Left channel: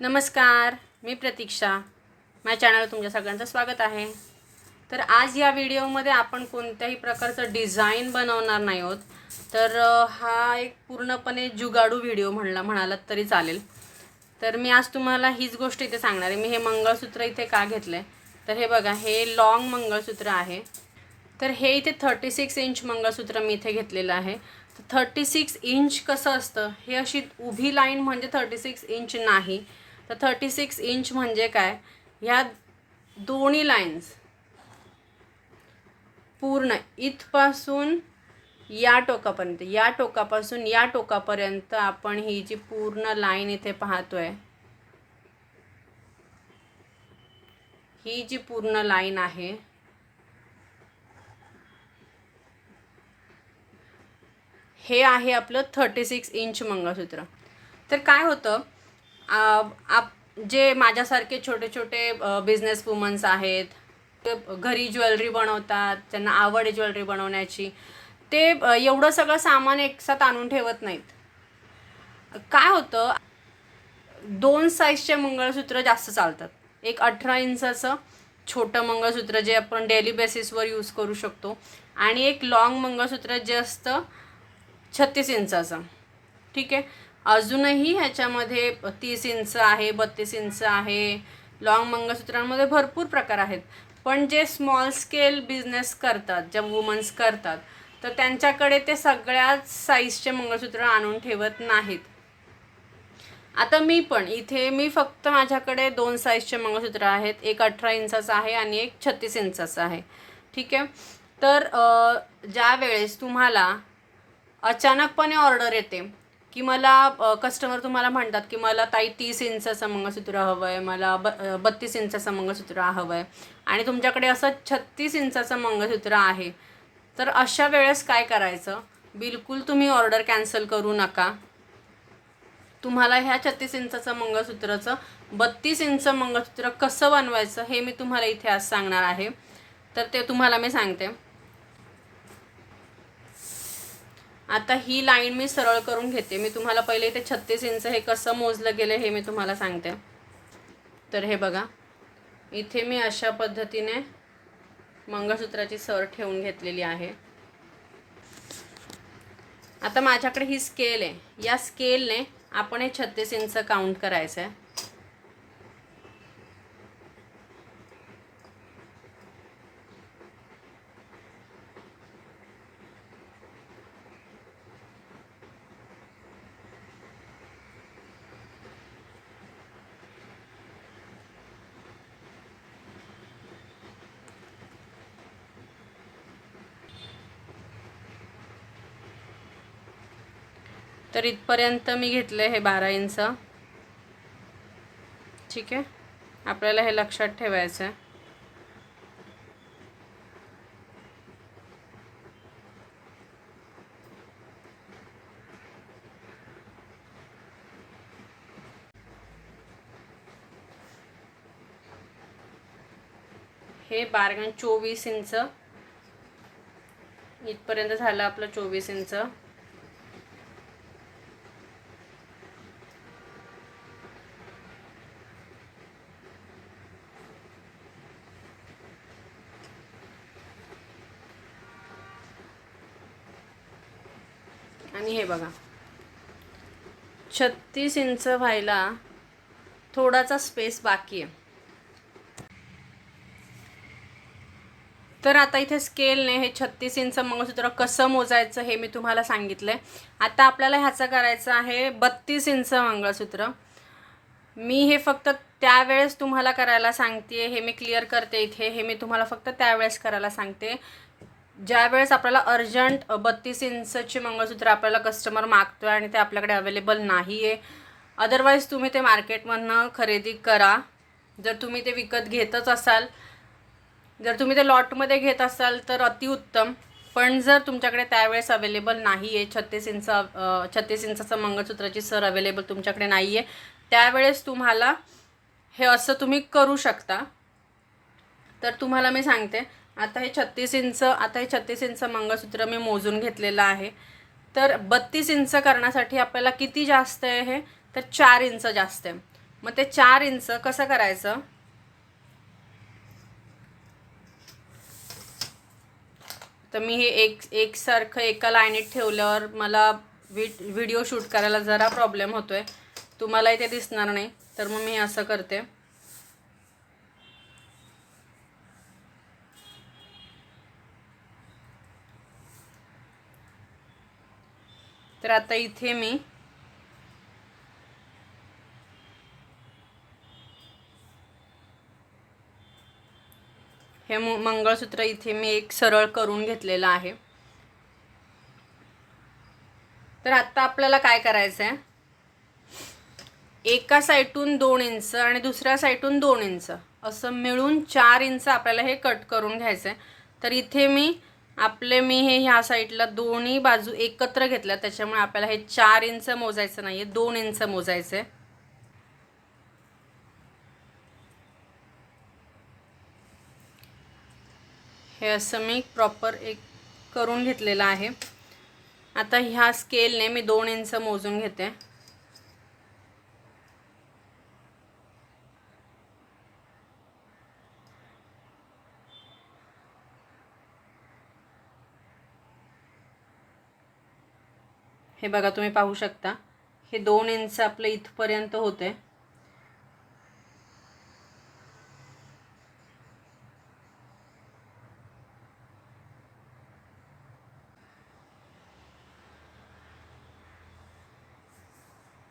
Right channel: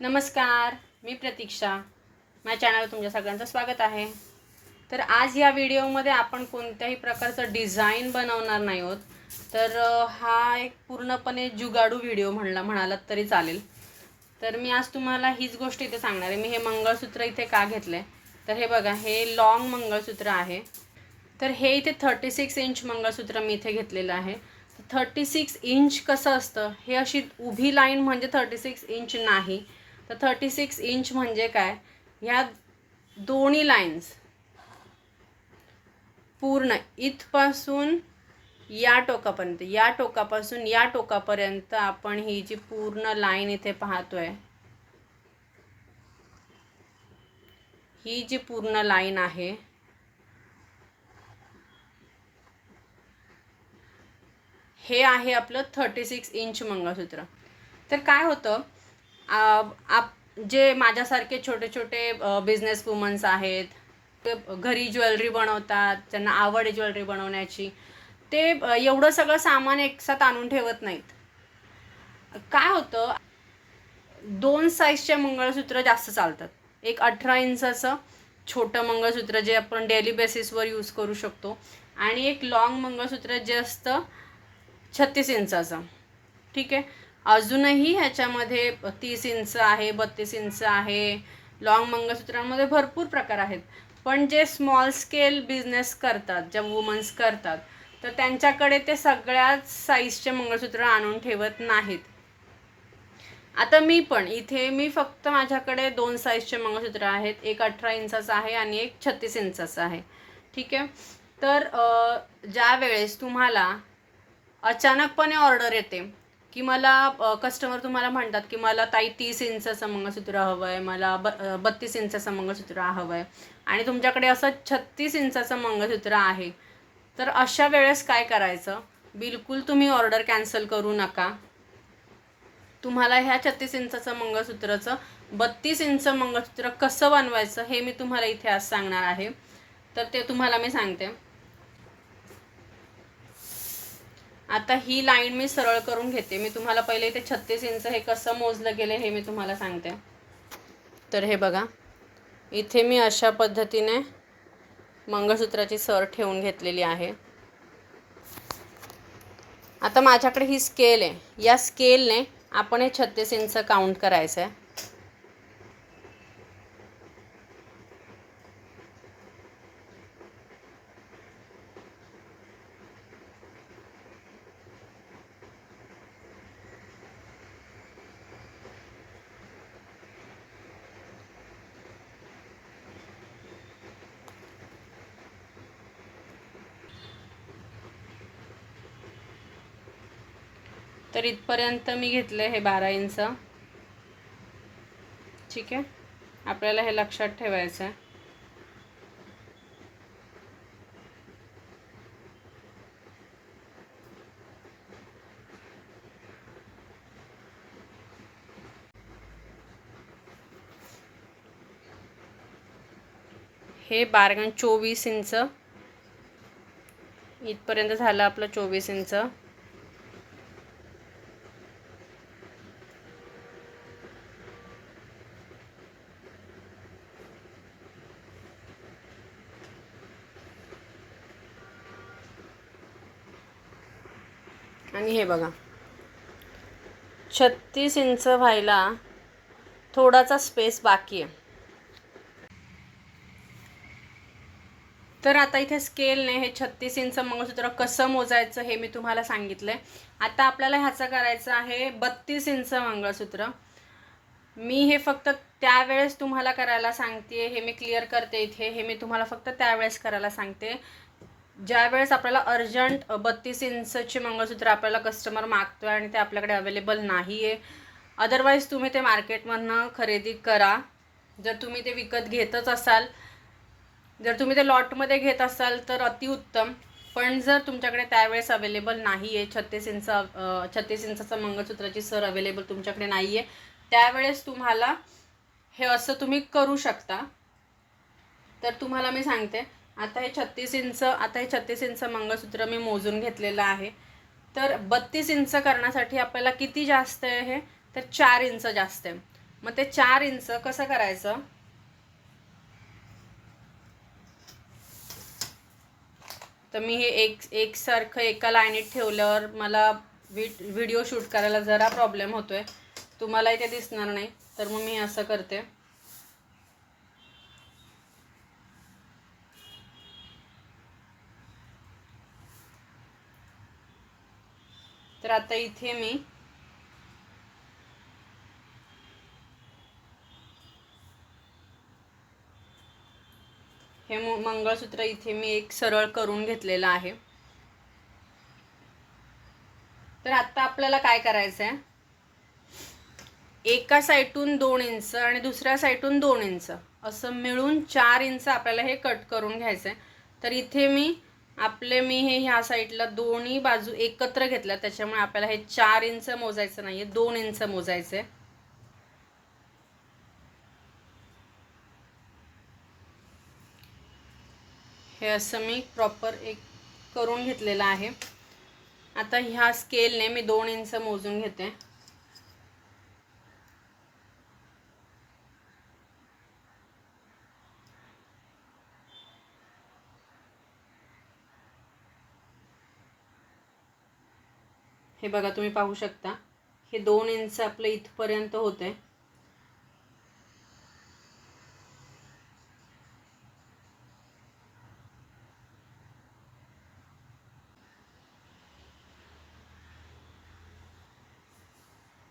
नमस्कार, मी प्रतीक्षा. माझ्या चॅनलवर तुमच्या सगळ्यांचं स्वागत आहे. तर आज या व्हिडिओमध्ये आपण कोणत्याही प्रकारचं डिझाईन बनवणार नाही आहोत. तर हा एक पूर्णपणे जुगाडू व्हिडिओ म्हणालात तरी चालेल. तर मी आज तुम्हाला हीच गोष्ट इथे सांगणार आहे. मी हे मंगळसूत्र इथे का घेतलं आहे, तर हे बघा, हे लॉंग मंगळसूत्र आहे. तर हे इथे 36 इंच मंगळसूत्र मी इथे घेतलेलं आहे. 36 इंच कसं असतं, हे अशी उभी लाईन म्हणजे 36 इंच नाही. तर 36 इंच म्हणजे काय, ह्या दोन्ही लाईन्स पूर्ण इथपासून या टोकापासून या टोकापर्यंत आपण ही जी पूर्ण लाईन इथे पाहतोय, ही जी पूर्ण लाईन आहे, हे आहे आपलं 36 इंच मंगळसूत्र. तर काय होतं, जे माझ्यासारखे छोटे छोटे बिझनेस वुमन्स आहेत, ते घरी ज्वेलरी बनवतात, त्यांना आवड आहे ज्वेलरी बनवण्याची, ते एवढं सगळं सामान एकसाथ आणून ठेवत नाहीत. काय होतं, 2 साईजचे मंगळसूत्र जास्त चालतात. एक 18 इंचाचं छोटं मंगळसूत्र जे आपण डेली बेसिसवर यूज करू शकतो, आणि एक लॉंग मंगळसूत्र जे असतं 36 इंचाचं. ठीक आहे. अजूनही ह्याच्यामध्ये 30 इंच आहे, 32 इंच आहे. लॉंग मंगळसूत्रांमध्ये भरपूर प्रकार आहेत. पण जे स्मॉल स्केल बिझनेस करतात, ज्या वुमन्स करतात, तर त्यांच्याकडे ते सगळ्याच साईजचे मंगळसूत्र आणून ठेवत नाहीत. आता मी फक्त माझ्याकडे 2 साईजचे मंगळसूत्र आहेत. एक 18 इंचाचं आहे आणि एक 36 इंचाचं आहे. ठीक आहे. तर ज्या वेळेस तुम्हाला अचानकपणे ऑर्डर येते, की मला कस्टमर तुम्हाला म्हणतात की मला ताई 30 इंचाचं मंगळसूत्र हवं आहे, मला 32 इंचाचं मंगळसूत्र हवं आहे, आणि तुमच्याकडे असं 36 इंचाचं मंगळसूत्र आहे. तर अशा वेळेस काय करायचं, बिलकुल तुम्ही ऑर्डर कॅन्सल करू नका. तुम्हाला ह्या 36 इंचाचं मंगळसूत्राचं 32 इंच मंगळसूत्र कसं बनवायचं हे मी तुम्हाला इथे आज सांगणार आहे. तर ते तुम्हाला मी सांगते. आता ही लाईन मी सरळ करून घेते. मी तुम्हाला पहिले इथे 36 इंच हे कसं मोजलं गेलं हे मी तुम्हाला सांगते. तर हे बघा, इथे मी अशा पद्धतीने मंगळसूत्राची सर ठेवून घेतलेली आहे. आता माझ्याकडे ही स्केल आहे. या स्केलने आपण हे 36 इंच काउंट करायचं आहे. तर इथपर्यंत मी घेतलं हे 12 इंच. ठीक आहे. आपल्याला हे लक्षात ठेवायचं आहे. हे 12 24 इंच इथपर्यंत झालं आपलं 24 इंच. आणि हे बघा, 36 इंच व्हायला थोडासा स्पेस बाकी आहे. तर आता इथे स्केलने हे 36 इंच मंगळसूत्र कसं मोजायचं हे मी तुम्हाला सांगितलं आहे. आता आपल्याला ह्याचं करायचं आहे 32 इंच मंगळसूत्र. मी हे फक्त त्यावेळेस तुम्हाला करायला सांगते, हे मी क्लिअर करते इथे. हे मी तुम्हाला फक्त त्यावेळेस करायला सांगते ज्यावेळेस आपल्याला अर्जंट 32 इंचचे मंगळसूत्र आपल्याला कस्टमर मागतो आहे आणि ते आपल्याकडे अवेलेबल नाही आहे. अदरवाईज तुम्ही ते मार्केटमधनं खरेदी करा. जर तुम्ही ते विकत घेतच असाल, जर तुम्ही ते लॉटमध्ये घेत असाल तर अतिउत्तम. पण जर तुमच्याकडे त्यावेळेस अवेलेबल नाही आहे, 36 इंचाचं मंगळसूत्राची सर अवेलेबल तुमच्याकडे नाही आहे, त्यावेळेस तुम्हाला हे असं तुम्ही करू शकता. तर तुम्हाला मी सांगते, आता हे 36 इंच मंगळसूत्र मी मोजून घेतलेलं आहे. तर 32 इंच करण्यासाठी आपल्याला किती जास्त आहे, हे तर 4 इंच जास्त आहे. मग ते 4 इंच कसं करायचं, तर मी हे एकसारखं एका लाईनीत ठेवल्यावर मला व्हिडिओ शूट करायला जरा प्रॉब्लेम होतोय, तुम्हाला इथे दिसणार नाही, तर मग मी असं करते. तर आता इथे मी हे मंगळसूत्र इथे मी एक सरळ करून घेतलेलं आहे. तर आता आपल्याला काय करायचं आहे, एका साईडून 2 इंच आणि दुसऱ्या साईडून 2 इंच असं मिळून 4 इंच आपल्याला हे कट करून घ्यायचं आहे. तर इथे मी हे ह्या साईडला दोन्ही बाजू एकत्र घेतल्या, त्याच्यामुळे आपल्याला हे 4 इंच मोजायचं नाही आहे, 2 इंच मोजायचं आहे. हे असं मी प्रॉपर एक करून घेतलेलं आहे. आता ह्या स्केलने मी 2 इंच मोजून घेते. हे बघा तुम्ही पाहू शकता, हे 2 इंच आपलं इथपर्यंत होते.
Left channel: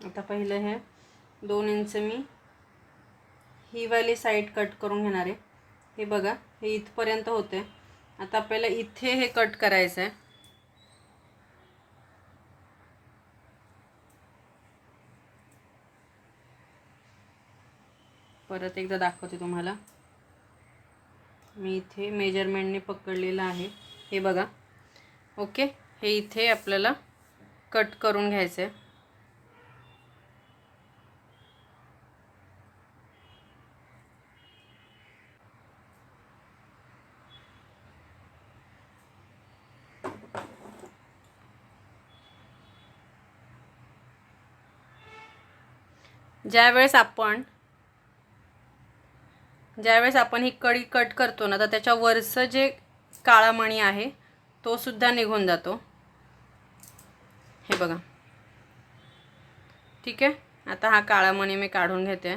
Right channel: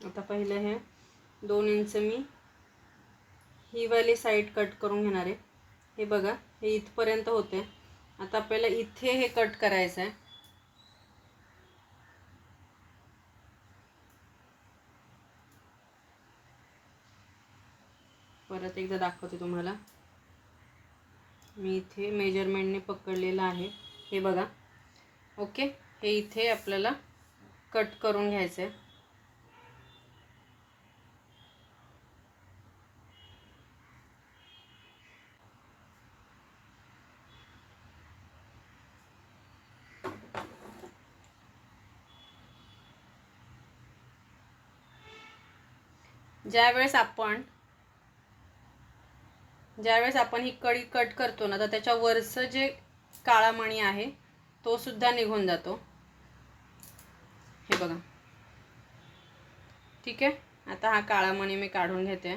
आता पहिलं हे 2 इंच मी ही वाली साईड कट करून घेणार आहे. हे बघा हे इथपर्यंत होते. आता आपल्याला इथे हे कट करायचं आहे. परत एकदा दाखवते तुम्हाला, मी इथे मेजरमेंटने पकडलेलं आहे. हे बघा, ओके. हे इथे आपल्याला कट करून घ्यायचं आहे. ज्यावेळेस आपण ही कडी कट करतो ना, तर त्याच्या वरचं जे काळा मणी आहे तो सुद्धा निघून जातो. हे बघा, ठीक आहे. आता हा काळा मणी मी काढून घेते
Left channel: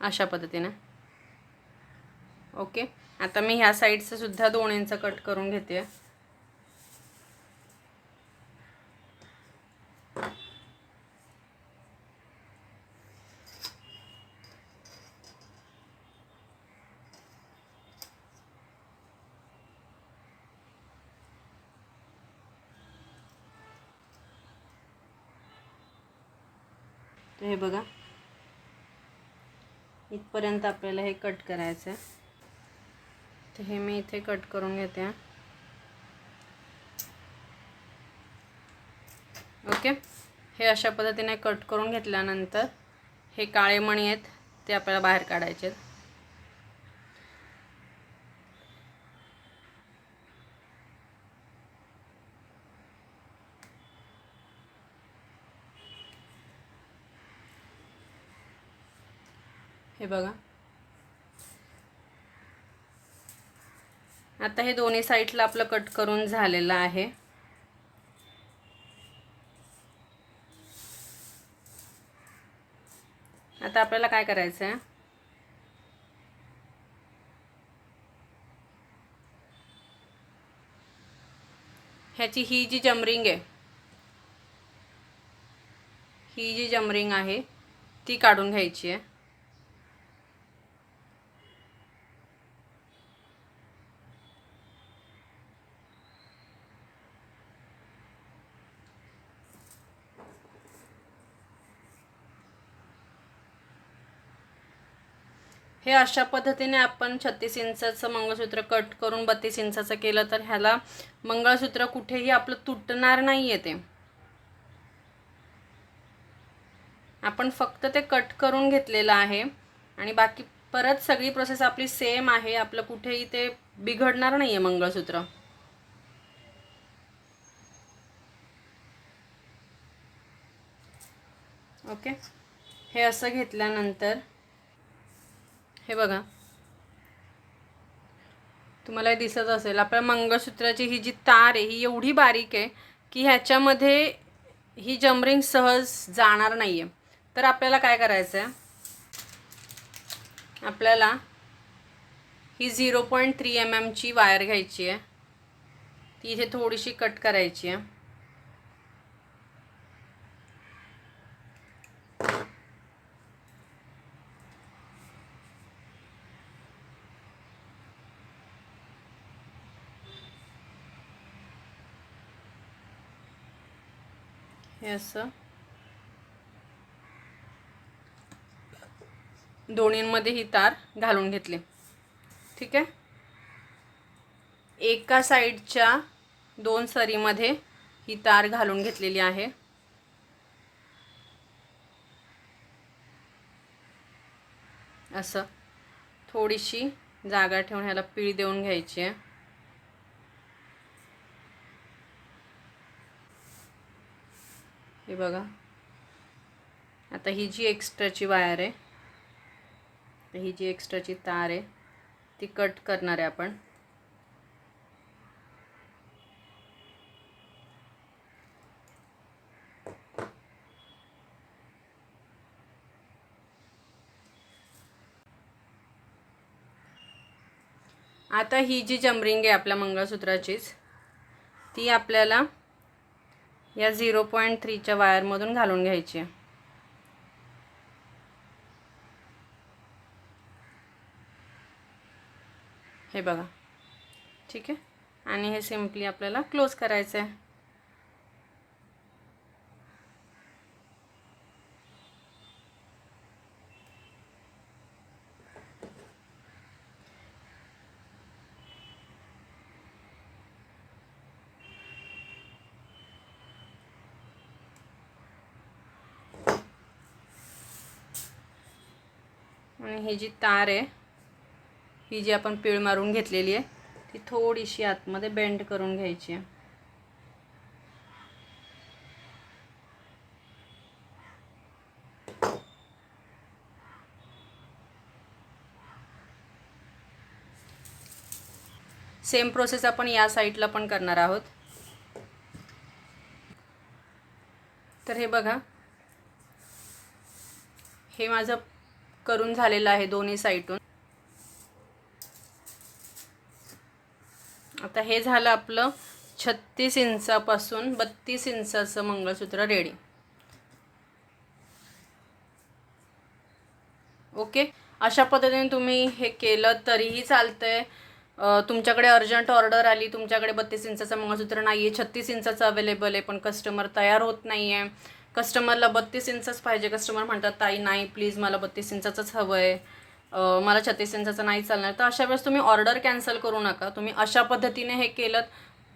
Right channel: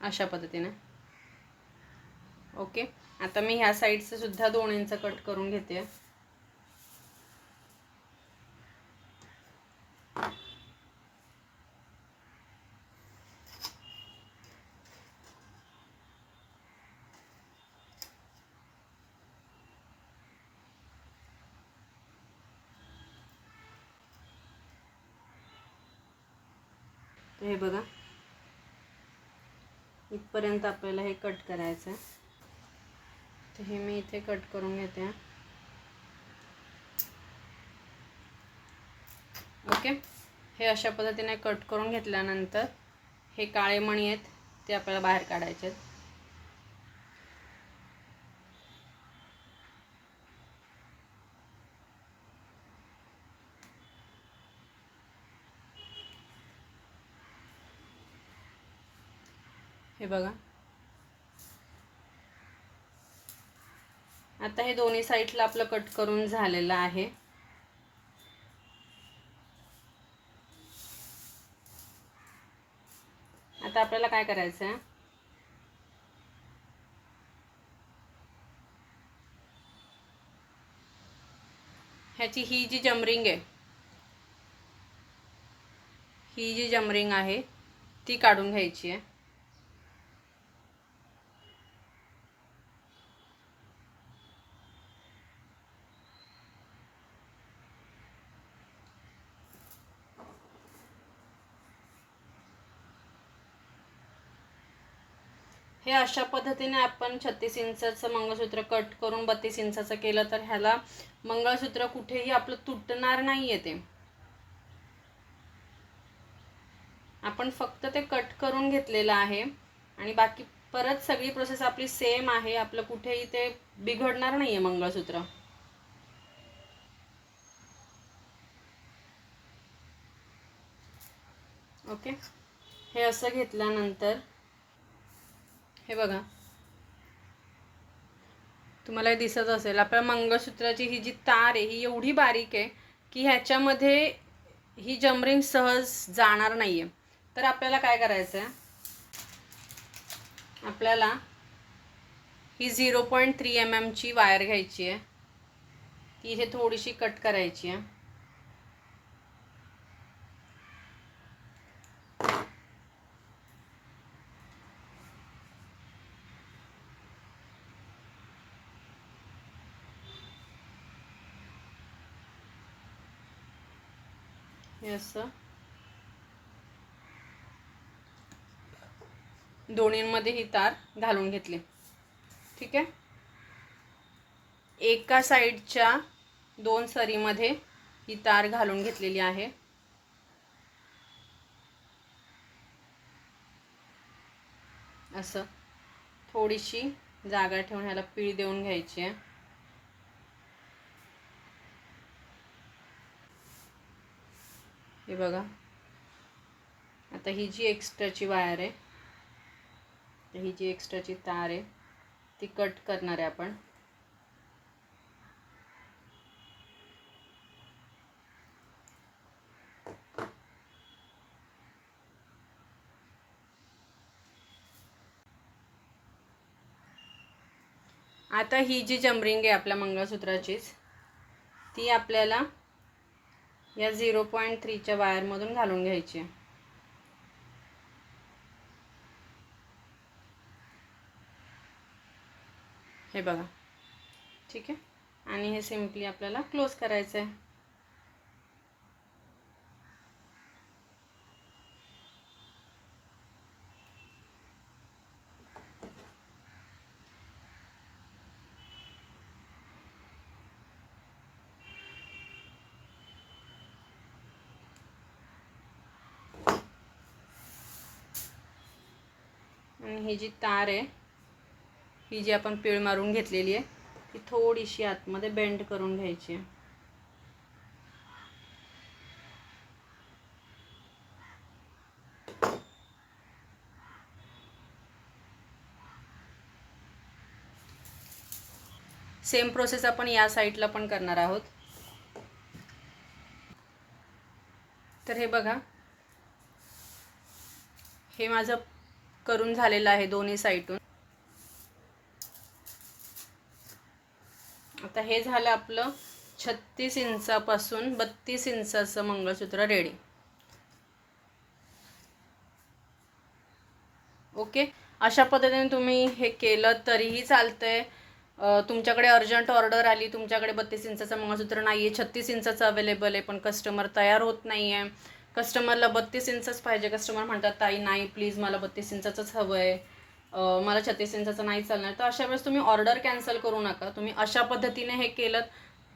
अशा पद्धतीने. ओके. आता मी ह्या साईडचं सुद्धा 2 इंच कट करून घेते. तर हे बघा, इथपर्यंत आपल्याला हे कट करायचं आहे. तर हे मी इथे कट करून घेते. ओके. हे अशा पद्धतीने कट करून घेतल्यानंतर हे काळे मणी आहेत ते आपल्याला बाहेर काढायचे आहेत. हे बघा, आता हे दोन्ही साईडला आपलं कट करून झालेलं आहे. आता आपल्याला काय करायचं आहे, ह्याची ही जी जमरिंग आहे ती काढून घ्यायची आहे. हे अशा पद्धतीने आपण 36 इंचाचं मंगळसूत्र कट करून 32 इंचाचं केलं तर ह्याला मंगळसूत्र कुठेही आपलं तुटणार नाही आहे. ते आपण फक्त ते कट करून घेतलेलं आहे आणि बाकी परत सगळी प्रोसेस आपली सेम आहे. आपलं कुठेही ते बिघडणार नाही आहे मंगळसूत्र. ओके, हे असं घेतल्यानंतर हे बघा, तुम्हाला दिसत असेल आपल्या मंगळसूत्राची ही जी तार आहे ही एवढी बारीक आहे की ह्याच्यामध्ये ही जमरिंग सहज जाणार नाही आहे. तर आपल्याला काय करायचं आहे, आपल्याला ही 0.3 mm ची वायर घ्यायची आहे, ती इथे थोडीशी कट करायची आहे. हे असं दोन्हींमध्ये ही तार घालून घेतली. ठीक आहे, एका साईडच्या 2 सरीमध्ये ही तार घालून घेतलेली आहे. असं थोडीशी जागा ठेवून ह्याला पीळ देऊन घ्यायची आहे. हे बघा, आता ही जी एक्स्ट्राची वायर आहे, ही जी एक्स्ट्राची तार आहे ती कट करणार आहे आपण. आता ही जी जमरिंग आहे आपल्या मंगळसूत्राचीच, ती आपल्याला या 0.3च्या वायरमधून घालून घ्यायची आहे. हे बघा, ठीक आहे, आणि हे सिम्पली आपल्याला क्लोज करायचं आहे. आणि ही जी तार आहे, ही जी आपण पीळ मारून घेतलेली आहे, ती थोडीशी आतमध्ये बेंड करून घ्यायची आहे. सेम प्रोसेस आपण या साईडला पण करणार आहोत. तर हे बघा, हे माझं करून झालेलं आहे दोन्ही साईडून. आता हे झालं आपलं 36 इंचापासून 32 इंचाचं मंगळसूत्र रेडी. ओके, अशा पद्धतीने तुम्ही हे केलं तरीही चालतंय. तुमच्याकडे अर्जंट ऑर्डर आली, तुमच्याकडे 32 इंचाचं मंगळसूत्र नाही आहे, 36 इंचाचं अवेलेबल आहे, पण कस्टमर तयार होत नाही आहे, कस्टमरला 32 इंचच पाहिजे, कस्टमर म्हणतात ताई नाही प्लीज मला 32 इंचाचंच हवं आहे, मला 36 इंचाचं नाही चालणार, तर अशा वेळेस तुम्ही ऑर्डर कॅन्सल करू नका. तुम्ही अशा पद्धतीने हे केलं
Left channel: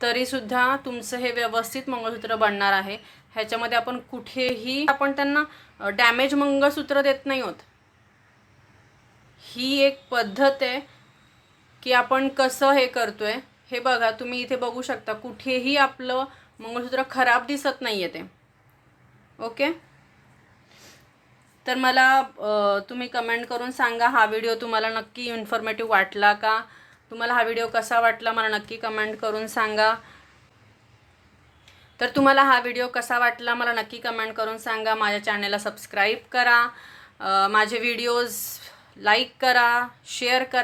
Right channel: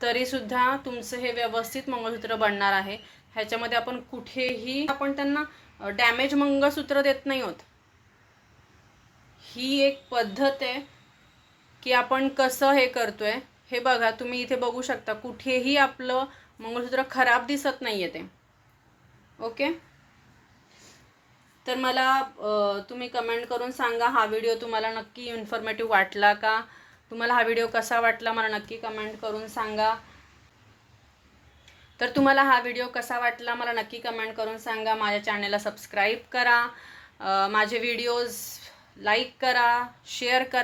तरीसुद्धा तुमचं हे व्यवस्थित मंगळसूत्र बनणार आहे. ह्याच्यामध्ये आपण कुठेही आपण त्यांना डॅमेज मंगळसूत्र देत नाही आहोत. ही एक पद्धत आहे की आपण कसं हे करतोय. हे बघा, तुम्ही इथे बघू शकता, कुठेही आपलं मंगळसूत्र खराब दिसत नाही आहे ते. ओके, तर मला तुम्ही कमेंट करून सांगा हा व्हिडिओ तुम्हाला नक्की इन्फॉर्मेटिव्ह वाटला का, तुम्हाला हा व्हिडिओ कसा वाटला मला नक्की कमेंट करून सांगा. तर तुम्हाला हा व्हिडिओ कसा वाटला मला नक्की कमेंट करून सांगा. माझ्या चॅनलला सबस्क्राईब करा, माझे व्हिडिओज लाईक करा, शेअर करा.